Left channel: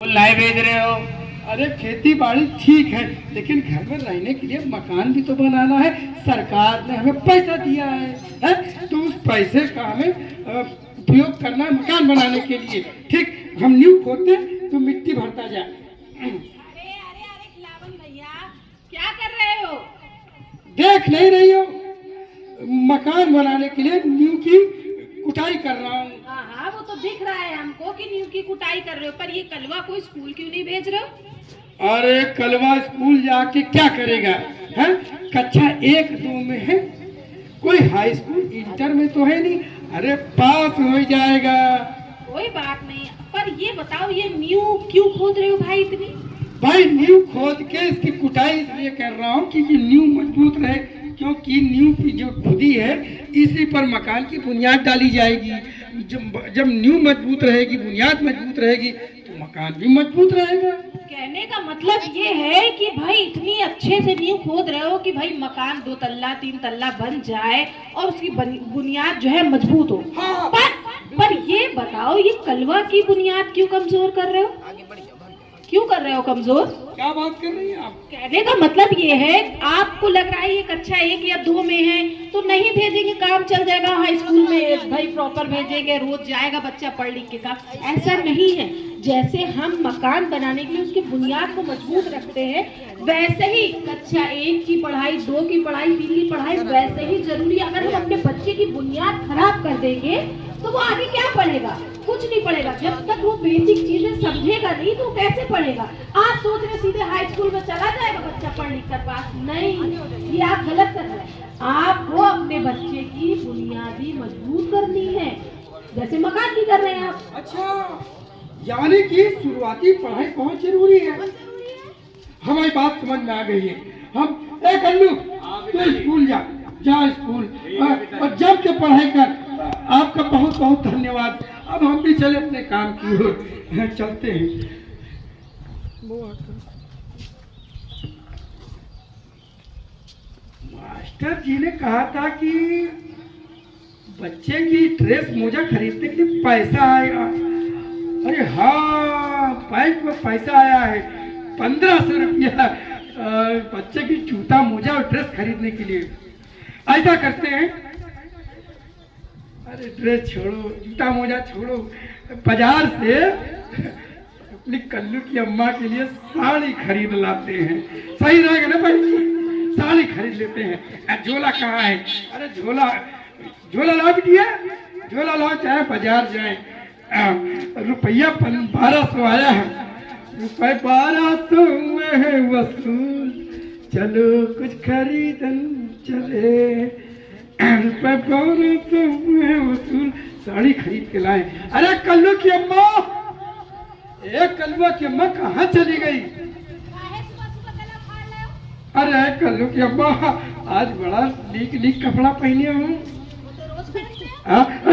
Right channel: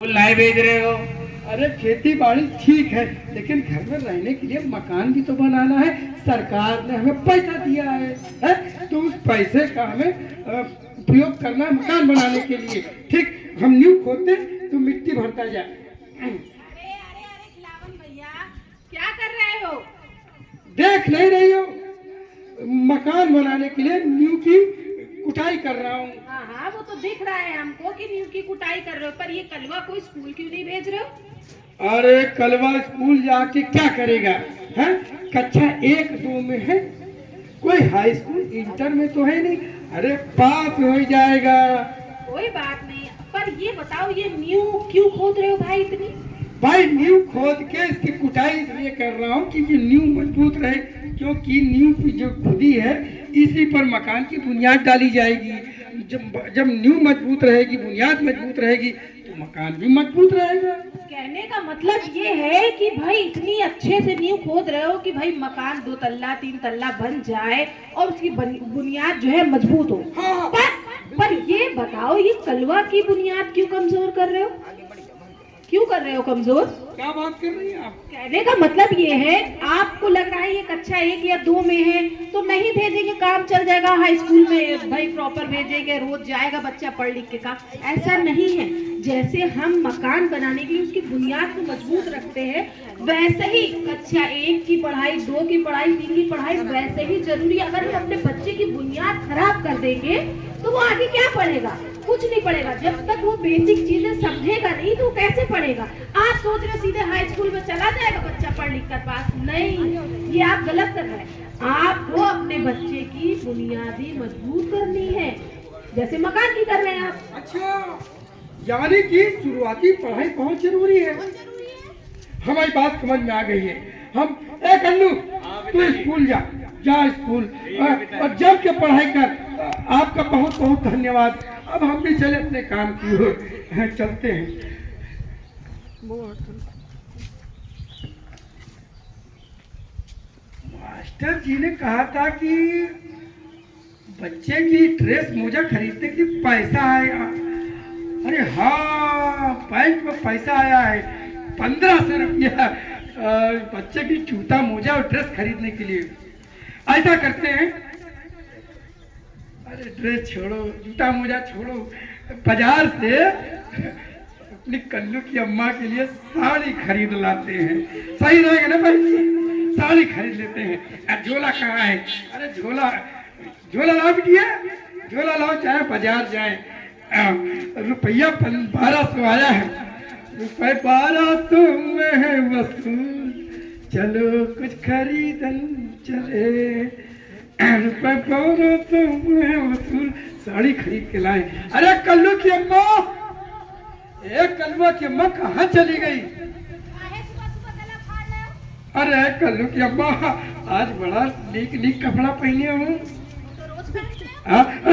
लाए भेज रहे हो? अरे खेती बाड़ी ठीक है, लेकिन घर में रहने के लिए मकान भी तो बनाना है। सरकार ने हमें पैसा दिया है? तो उस पैसे का हमें उपयोग करना है मकान बनाने के लिए। ठीक, हम नींव खोदते तो मिट्टी भरता जाए। अरे अरे अरे खिलावन भैया, क्या कर रहे हो? देख नहीं रही हो? मकान बनाने के लिए नींव की कुटाई कर रहा हूँ। हाँ हाँ, वो तो दिख रहा है हमको कि नींव की कुटाई कर रहे हो, पर ये कलवा को स्कूल क्यों नहीं भेज रहे हो? अरे कलवा स्कूल जाके क्या करेगा? है कक्षा 1-2 में है, कोई हाई स्कूल इंटर में तो है नहीं। अरे पास हो जाएगा। कोई बात नहीं, पर ये बताओ ये नींव क्यों खोद रहे हो भाई इतनी? भाई नींव खोद के इसकी कुटाई इसलिए कर रहा हूँ कि ये नींव मजबूत रहे, क्योंकि नींव की जो खुदी है इसी पर मकान की बुनियाद डाली जाएगी। जब नींव मजबूत रहेगी, बुनियाद मजबूत रहेगी, तो मकान भी मजबूत रहेगा। कहने का मतलब ये है कि भाई इतनी अच्छे से नींव खोद रहे हो कि भाई मकान 2 तल्ला 3 तल्ला बन जाए और उसकी बुनियाद जो है मजबूत हो। हाँ। पर ये बताओ ये कलवा की बुनियाद क्यों कमजोर कर रहे हो? क्यों कर रहे हो कमजोर? क्या बात कर रही हैं आप? कहने का मतलब ये है, आपको लग रहा है ये कक्षा 1 या 2 में है तो नहीं भेजेंगे, काम चल जाएगा। हाई स्कूल में भाई प्रॉपर भेजेंगे, रोज जाएगा बच्चा पढ़ लिख के काम। ऐसा नहीं है। जैसे हम मकान बनाने के लिए उसकी बुनियाद को मजबूत रखते हैं, वैसे ही कक्षा 1 की पढ़ाई, 2 की पढ़ाई, 3 की पढ़ाई वैसे ही जरूरी। अगर हम अपने बच्चे की बुनियाद खराब कर देंगे तो वो आगे क्या पढ़ेगा? कुछ नहीं पढ़ेगा। जब तक वो बेसिक चीजें समझेगा नहीं तो कैसे पढ़ेगा? आप सोच रहे सीधे हाई स्कूल में चला जाएगा बच्चा पढ़ लिख कर पास? नहीं, ये आप गलत कर रहे हैं। आपको अपने बच्चे की बुनियादी मजबूत करनी है, जैसे मकान की कर रहे हैं आप। अच्छा, यानी कि शुरुआती पढ़ाई बहुत जरूरी है। हमारी बात समझ में आ गई है। हम एक अन्नू तो स्कूल जा स्कूल और जम के पढ़ाई कर। आपका बहुत बहुत धन्यवाद। अब हम भी चले अपने काम की ओर, चलते हैं। मास्टर जी ने कहा था कि बच्चे की ड्रेस मोजा खरीदने के लिए पैसा आएगा। अरे हाँ, बैंक में पैसा आया है 1500 रुपया बच्चे की जूता मोजा और ड्रेस खरीदने के लिए। ऐसा करते हैं, अरे ड्रेस छोड़ो, जूता मोजा छोड़ो, बाजार से अपनी कल्लू की अम्मा के लिए साड़ी खरीद लाते हैं। सही रहेगा ना भाई? साड़ी खरीद लेते हैं। झोला कहाँ है? अरे झोला लाओ बिटिया, झोला लाओ, चाहे बाजार जाए। रुपया 1200 आया है, रुपये 1200 में वसूल, चलो कुछ खरीदन चले। रुपये 1200 में वसूल, साड़ी खरीद के लाए। अरे कल्लू की अम्मा, एक कल्लुआ की अम्मा कहाँ चली गई? अरे कल्लू की अम्मा, आज बड़ा नीक कपड़ा पहने हो।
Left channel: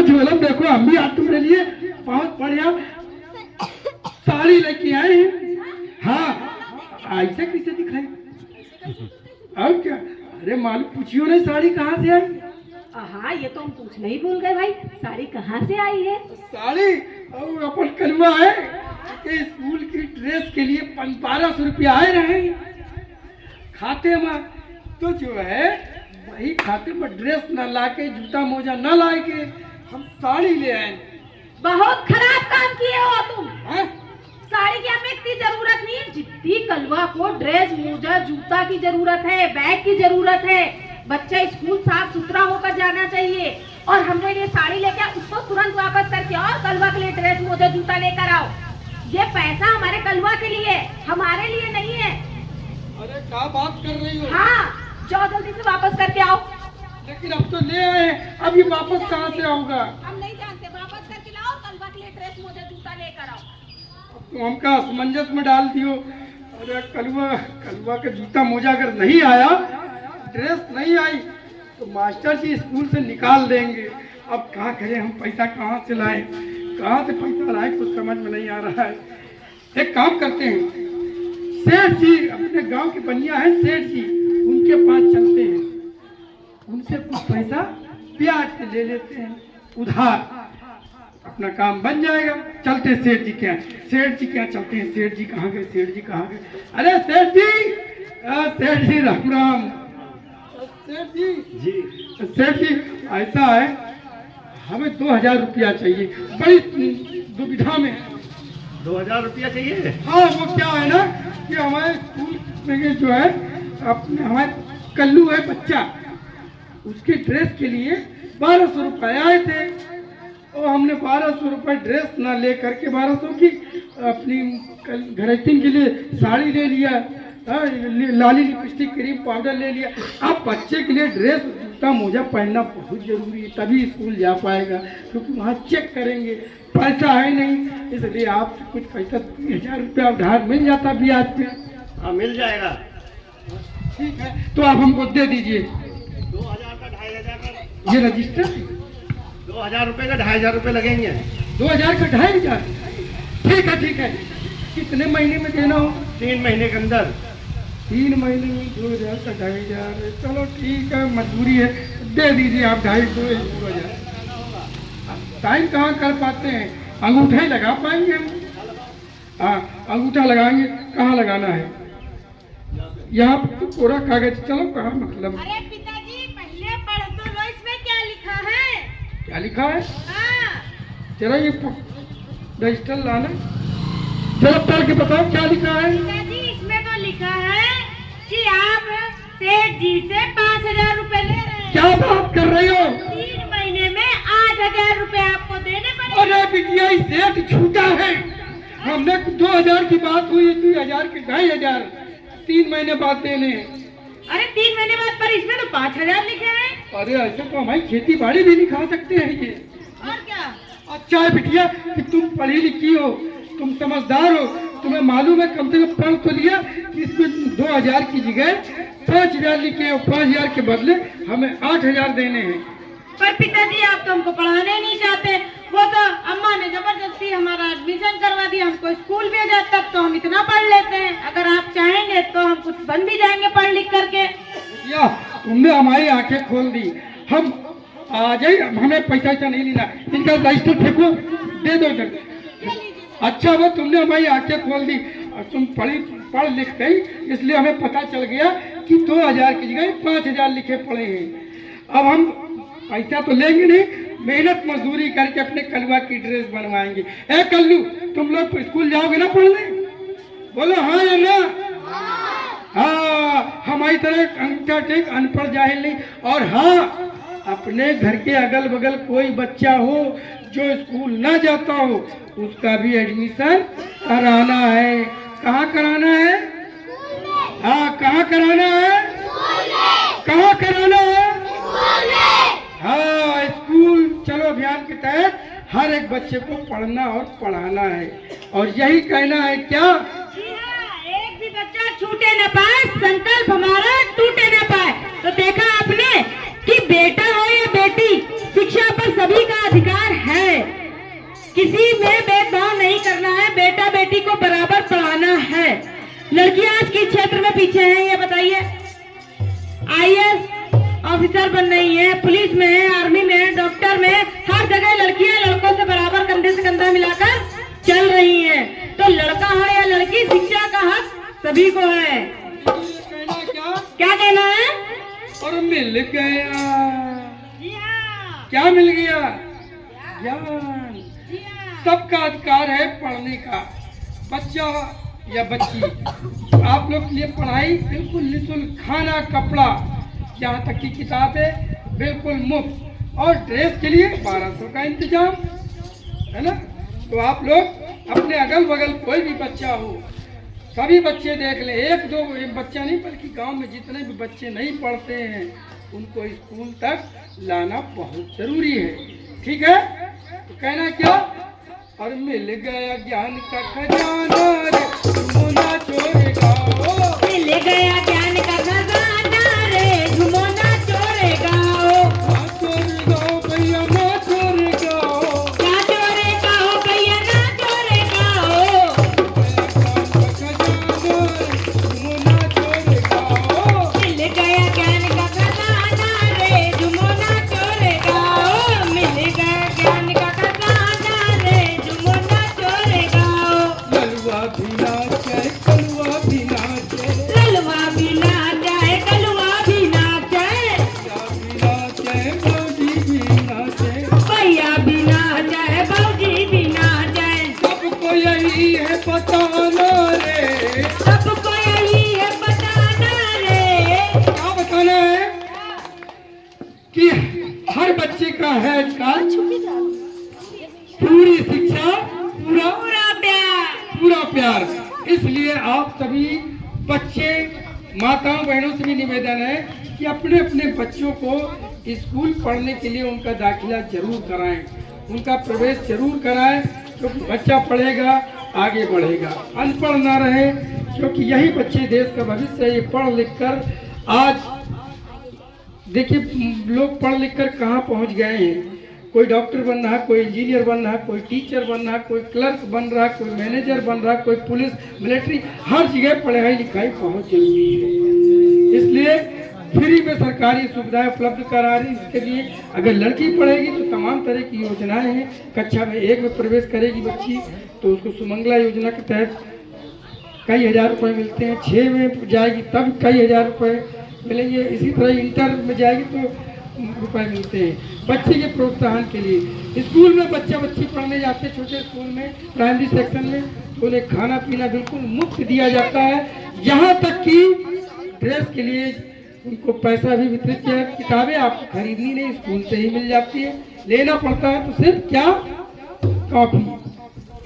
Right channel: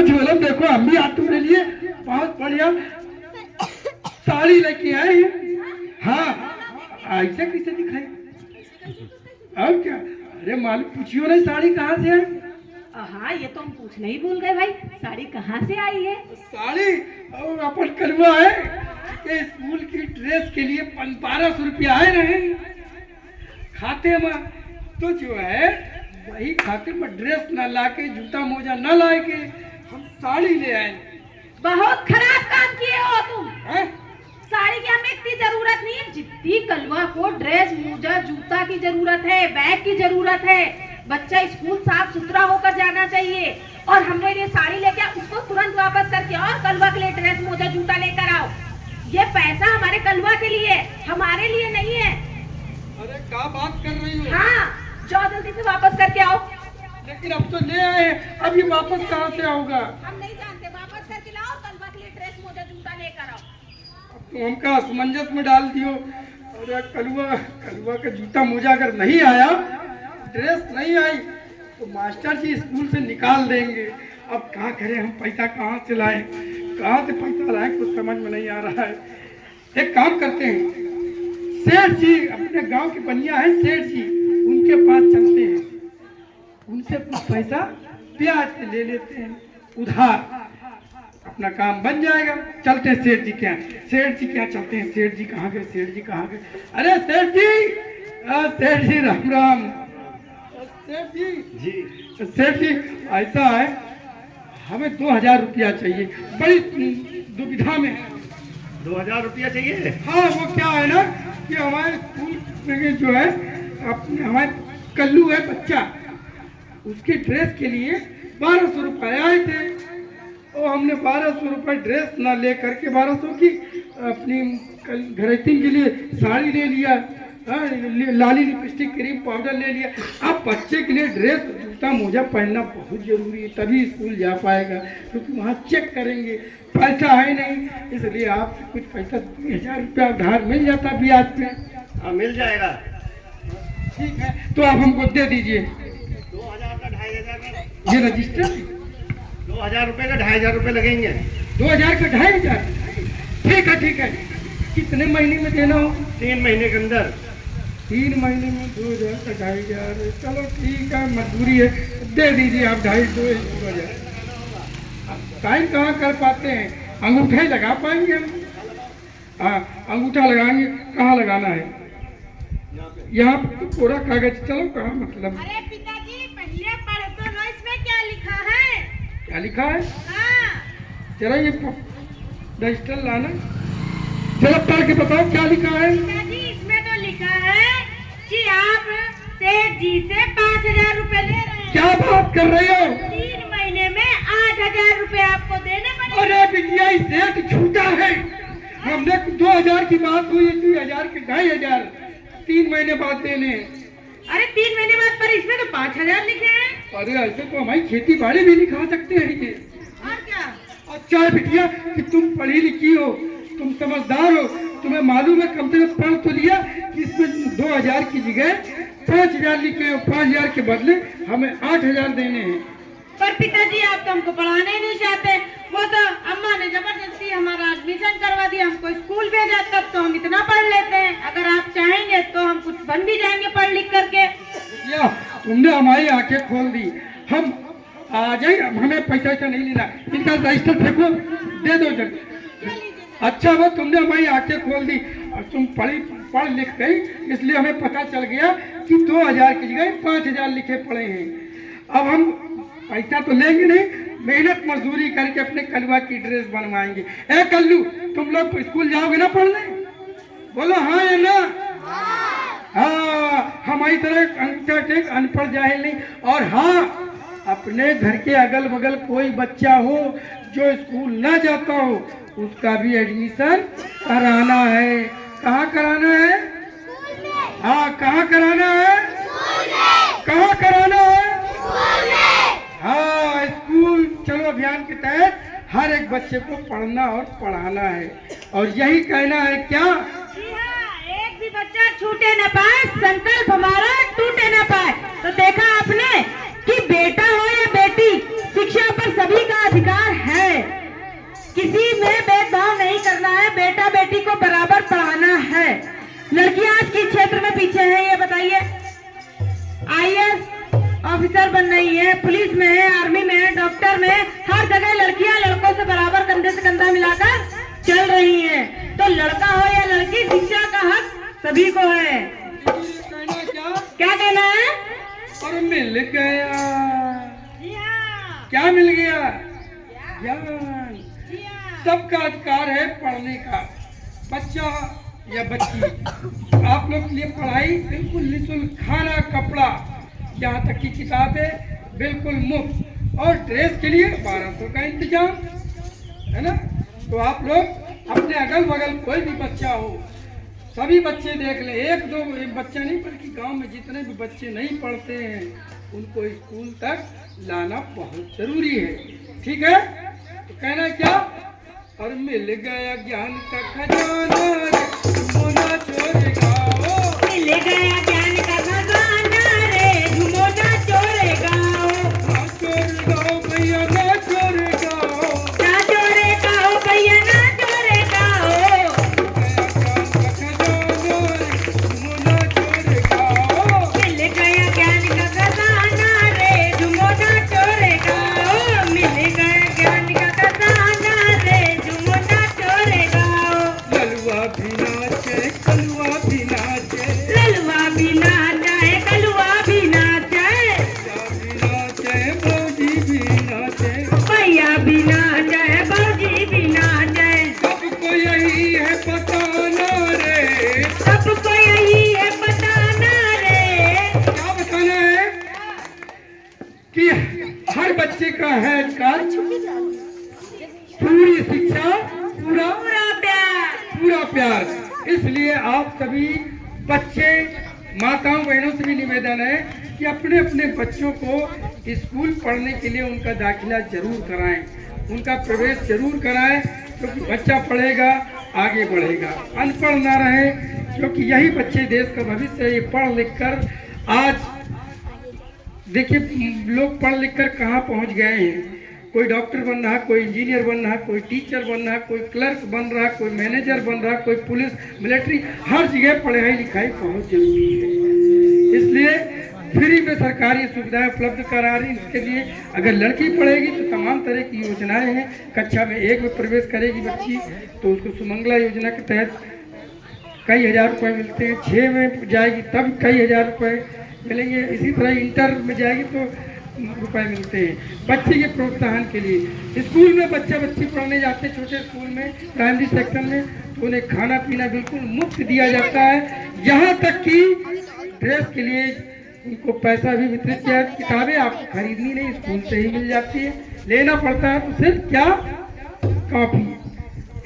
झोला देखो, हम भी आज तुम्हारे लिए बहुत बढ़िया साड़ी लेके आए हैं। हाँ, ऐसे कैसे दिखाई? और क्या? अरे मालूम पूछियो नहीं साड़ी कहाँ से आई? हाँ, ये तो हम पूछना ही भूल गए भाई, साड़ी कहाँ से आई है? साड़ी अपन कलवा है कि स्कूल की ड्रेस के लिए 1200 रुपया आए रहे खाते में। तो जो है वही खाते में ड्रेस न लाके, जूता मोजा न लाके हम साड़ी ले आए। बहुत खराब काम किए हो तुम। है? साड़ी की हमें इतनी जरूरत नहीं है जितनी कलवा को ड्रेस मोजा जूता की जरूरत है, बैग की जरूरत है। बच्चा स्कूल साफ सुथरा होकर जाना चाहिए, और हम लोग ये साड़ी लेके उसको तुरंत वापस करके आओ, कलवा के लिए ड्रेस मोजा जूता लेकर आओ। ये पैसा हमारे कलवा के लिए, हमारे लिए नहीं है। अरे क्या बात कर रही हो? हाँ, जाओ जल्दी से वापस करके आओ। लेकिन अब तो ले आए हैं, अभी वापस कहाँ से आओगा? हम नहीं जानते, वापस करके लाओ, कलवा के लिए ड्रेस मोजा जूता लेकर आओ। अब तो हमका असमंजस में डाल दियो। अरे कलवा का जूता मोजा अगर नहीं आया, ड्रेस नहीं आई, तो मास्टर जी स्कूल से निकाल देंगे। अब क्या करें हम? पैसा कहाँ से लाएं? कहाँ से पैसा लाएं, कुछ समझ में नहीं आ रहा है। एक काम करते हैं, सेठ जी अपने गांव के बनिया है, सेठ जी, उनके पास चलते हैं, उनसे कुछ पैसा ब्याज पे ले लेते हैं उधार। अपना काम बन जाएगा। चलते हैं सेठ जी के यहाँ। सेठ जी क्या चलते हैं। सेठ जी कहाँ गए, सेठ जी कहाँ गए। अरे सेठ जी राम राम। सेठ जी सेठ जी ऐसा है, हमें 2000 रुपया चाहिए, बड़ी दुविधा में। 2000 रुपया चाहिए? हाँ, वो क्या है ना कि हमारे स्कूल में जो है अपने हमारे कल्लू है बच्चा, उसकी ड्रेस के लिए 1200 रुपये आए थे। और हमने 1200 रुपये ड्रेस ना ले करके 1200 की अपनी घरेटिंग के लिए साड़ी ले लिया, लाली लिपस्टिक क्रीम पाउडर ले लिया। अब बच्चे के लिए ड्रेस जूता मोजा पहनना बहुत जरूरी है, तभी स्कूल जा पाएगा, क्योंकि वहाँ चेक करेंगे। पैसा है नहीं, इसलिए आपसे कुछ पैसा 2000 रुपया उधार मिल जाता ब्याज पे। हाँ, मिल जाएगा। ठीक है, तो आप हमको दे दीजिए। 2000 का 2500 का। ये रजिस्टर है। 2000 रुपये का 2500 रुपये लगेंगे। 2000 का 2500। ठीक है ठीक है। कितने महीने में देना हो? 3 महीने के अंदर। 3 महीने में 2000 का 2500। चलो ठीक है, मजबूरी है, दे दीजिए आप 2000। टाइम कहाँ कर पाते हैं, अंगूठा ही लगा पाएंगे हम। हाँ, अंगूठा लगाएंगे। कहाँ लगाना है? यहाँ तो कोरा कागज। चलो कहाँ मतलब। अरे पिताजी पहले पढ़ तो लो, इसमें क्या लिखा है? क्या लिखा है? हाँ। चलो ये रजिस्टर लाना, जरा पढ़ के बताओ क्या लिखा है। पिताजी इसमें तो लिखा है कि आप सेठ जी से 5000 रुपए ले रहे हैं। क्या बात कर रही हो? 3 महीने में 8000 रुपए आपको देने पड़ेंगे। अरे बिटिया, सेठ झूठा है। हमने 2000 की बात हुई, 2000 के 2500 3 महीने बाद देने हैं। अरे 3 महीने बाद, पर इसमें तो 5000 लिखे हैं। अरे ऐसे तो हमारी खेती बाड़ी भी दिखा सकते हैं ये। और क्या? अच्छा है बिटिया कि तुम पढ़ी लिखी हो, तुम समझदार हो, तुम्हें मालूम है, कम से कम पढ़ तो लिया कि इसमें 2000 की जगह 5000 लिखे और 5000 के बदले हमें 8000 देने हैं। पर पिताजी आप तो हमको पढ़ाने नहीं चाहते। वो तो अम्मा ने जबरदस्ती हमारा एडमिशन करवा दिया, हमको स्कूल भेजा, तब तो हम इतना पढ़ लेते हैं। अगर आप चाहेंगे तो हम कुछ बन भी जाएंगे पढ़ लिख करके। या तुमने हमारी आंखें खोल दी। हम आ जाए, हमें पैसा नहीं लेना। इनका रजिस्टर फेंको, दे दो जगह। अच्छा वो तुमने हमारी आंखें खोल दी और तुम पढ़ लिख गई, इसलिए हमें पता चल गया कि 2000 की जगह 5000 लिखे पड़े हैं। अब हम पैसा तो लेंगे नहीं, मेहनत मजदूरी करके अपने कलवा की ड्रेस बनवाएंगे। ए कल्लू, तुम लोग स्कूल जाओगे ना पढ़ने? बोलो हाँ या ना? हाँ, हमारी तरह अंगूठा टेक अनपढ़ जाहिल नहीं। और हाँ, अपने घर के अगल बगल कोई बच्चा हो जो स्कूल ना जाता हो, उसका भी एडमिशन कराना है। कहाँ कराना है? हाँ, कहाँ कराना है? कहाँ कराना है? हाँ, स्कूल चलो अभियान के तहत हर एक बच्चे को पढ़ना और पढ़ाना है। और यही कहना है क्या? जी हाँ, एक भी बच्चा छूटे न पाए, संकल्प हमारा टूटे न पाए। तो देखा आपने कि बेटा हो या बेटी, शिक्षा पर सभी का अधिकार है। किसी में भेदभाव नहीं करना है, बेटा बेटी को बराबर पढ़ाना है। लड़कियां आज किस क्षेत्र में पीछे हैं ये बताइए? IAS ऑफिसर बन रही है, पुलिस में है, आर्मी में है, डॉक्टर में, हर जगह लड़कियां लड़कों से बराबर कंधे से कंधा मिलाकर चल रही हैं। तो लड़का हो या लड़की, शिक्षा का हक सभी को है। क्या कहना है? और मिल गया। जी हाँ। क्या मिल गया? ज्ञान। जी हाँ। सबका अधिकार है पढ़ने का। बच्चा या बच्ची, आप लोग के लिए पढ़ाई बिल्कुल निःशुल्क, खाना कपड़ा यहाँ तक की किताबें बिल्कुल मुफ्त, और ड्रेस के लिए 1200 का इंतजाम है ना। तो आप लोग अपने अगल बगल कोई भी बच्चा हो, सभी बच्चे देख ले, एक दो बच्चा नहीं बल्कि गांव में जितने भी बच्चे नहीं पढ़ते हैं उनको स्कूल तक लाना बहुत जरूरी है। ठीक है, तो कहना क्या? और मिल गया ज्ञान का खजाना रे, झूमो ना चोरे गाओ। मिल गया ज्ञान का खजाना रे, झूमो ना चोरे गाओ। ना चोरे गाओ भैया, ना चोरे गाओ। ना चोरे गाओ भैया, ना चोरे गाओ। झूमो ना चोरे गाओ। मिल गया ज्ञान का खजाना रे, झूमो ना चोरे गाओ। मिल गया ज्ञान का खजाना नाचे, कलुआ भी नाचे, ललवा भी नाचे, कलुआ भी नाचे, भौजी भी नाचे, भैया भी नाचे, भौजी भी नाचे। सबको यही है बताना रे, सबको यही है बताना रे। क्या बताना है कि हर बच्चे का है अधिकार पूरी शिक्षा, पूरा पूरा प्यार। प्यार। इसलिए आप सभी बच्चे, माताओं बहनों से भी निवेदन है कि अपने अपने बच्चों को स्कूल पढ़ने के लिए उनका दाखिला जरूर कराएं, उनका प्रवेश जरूर कराएं, क्योंकि बच्चा पढ़ेगा आगे बढ़ेगा, अनपढ़ ना रहे, क्योंकि यही बच्चे देश का भविष्य है। ये पढ़ लिख कर आज देखिए लोग पढ़ लिख कर कहाँ पहुँच गए हैं। कोई डॉक्टर बन रहा है, कोई इंजीनियर बन रहा है, कोई टीचर बन रहा है, कोई क्लर्क बन रहा है, कोई मैनेजर बन रहा है, कोई पुलिस मिलिट्री, हर जगह पढ़ाई लिखाई बहुत जरूरी है। इसलिए फ्री में सरकारी सुविधाएं उपलब्ध करा रही। इसके लिए अगर लड़की पढ़ेगी तो तमाम तरह की योजनाएं हैं। कक्षा में 1 में प्रवेश करेगी बच्ची तो उसको सुमंगला योजना के तहत कई हजार रुपए मिलते हैं, 6 में जाएगी तब कई हजार रुपए मिलेंगे, इसी तरह इंटर में जाएगी तो रुपए मिलते हैं। बच्चे के प्रोत्साहन के लिए स्कूल में बच्ची पढ़ने जाते हैं, छोटे स्कूल में प्राइमरी सेक्शन में, तो उन्हें खाना पीना बिल्कुल मुफ्त दिया जाता है। यहाँ तक कि ड्रेस के लिए उनको पैसा भी वितरित किया। किताबें आपको खरीदनी नहीं, स्कूल से ही मिल जाती है। लेना पड़ता है तो सिर्फ क्या, कॉपी,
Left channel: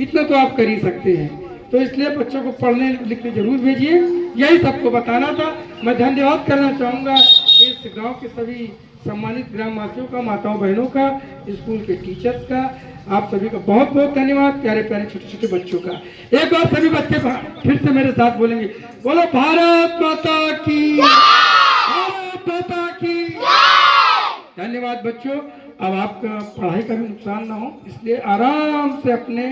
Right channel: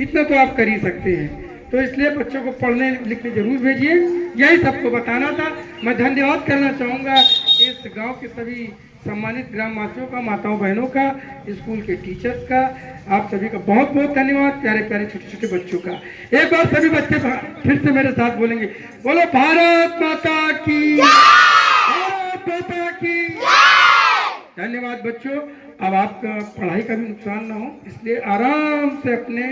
इतना तो आप कर ही सकते हैं। तो इसलिए बच्चों को पढ़ने लिखने जरूर भेजिए। यही सबको बताना था। मैं धन्यवाद करना चाहूँगा इस गांव के सभी सम्मानित ग्रामवासियों का, माताओं बहनों का, स्कूल के टीचर्स का, आप सभी का बहुत बहुत धन्यवाद। प्यारे प्यारे छोटे छोटे बच्चों का एक बार सभी बच्चे फिर से मेरे साथ बोलेंगे, बोलो भारत माता की, भारत माता की। धन्यवाद बच्चों। अब आपका पढ़ाई का भी नुकसान ना हो, इसलिए आराम से अपने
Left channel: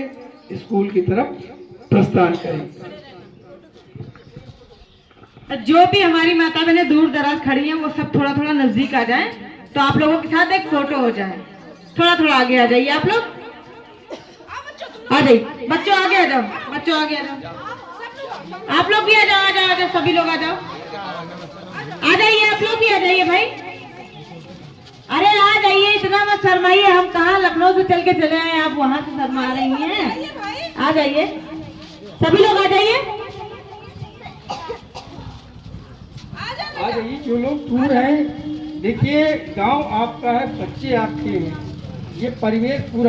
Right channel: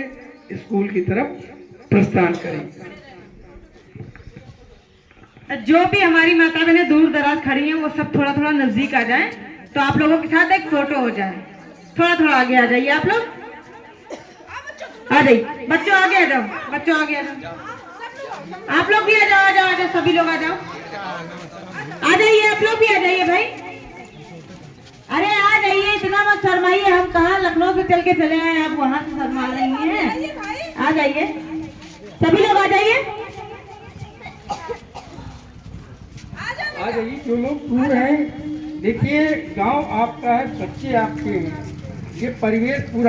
स्कूल की तरफ प्रस्थान करें। जो भी हमारी माता बहनें दूर दराज खड़ी हैं वो सब थोड़ा थोड़ा नजदीक आ जाएं, तो आप लोगों के साथ एक फोटो हो जाए। थोड़ा थोड़ा आगे आ जाइए, आप लोग आ जाइए। बच्चों आगे आ जाओ, बच्चों आगे आ जाओ, आप लोग भी आ जाओ, आ जाओ, आ जाओ, सभी लोग आ जाओ, आ जाइए, आप लोग भी आ जाइए भाई। अरे आ जाइए, इतना मत शर्माइए। हम कहाँ लखनऊ से चल के चले आए, आप वहां से शर्मा रही हैं। आ जाइए, सभी लोग आ जाइए। आ जाइए जो लोग दूर हैं। देखिए गांव आपका है, बच्चे आपके हैं, ये परिवेश पूरा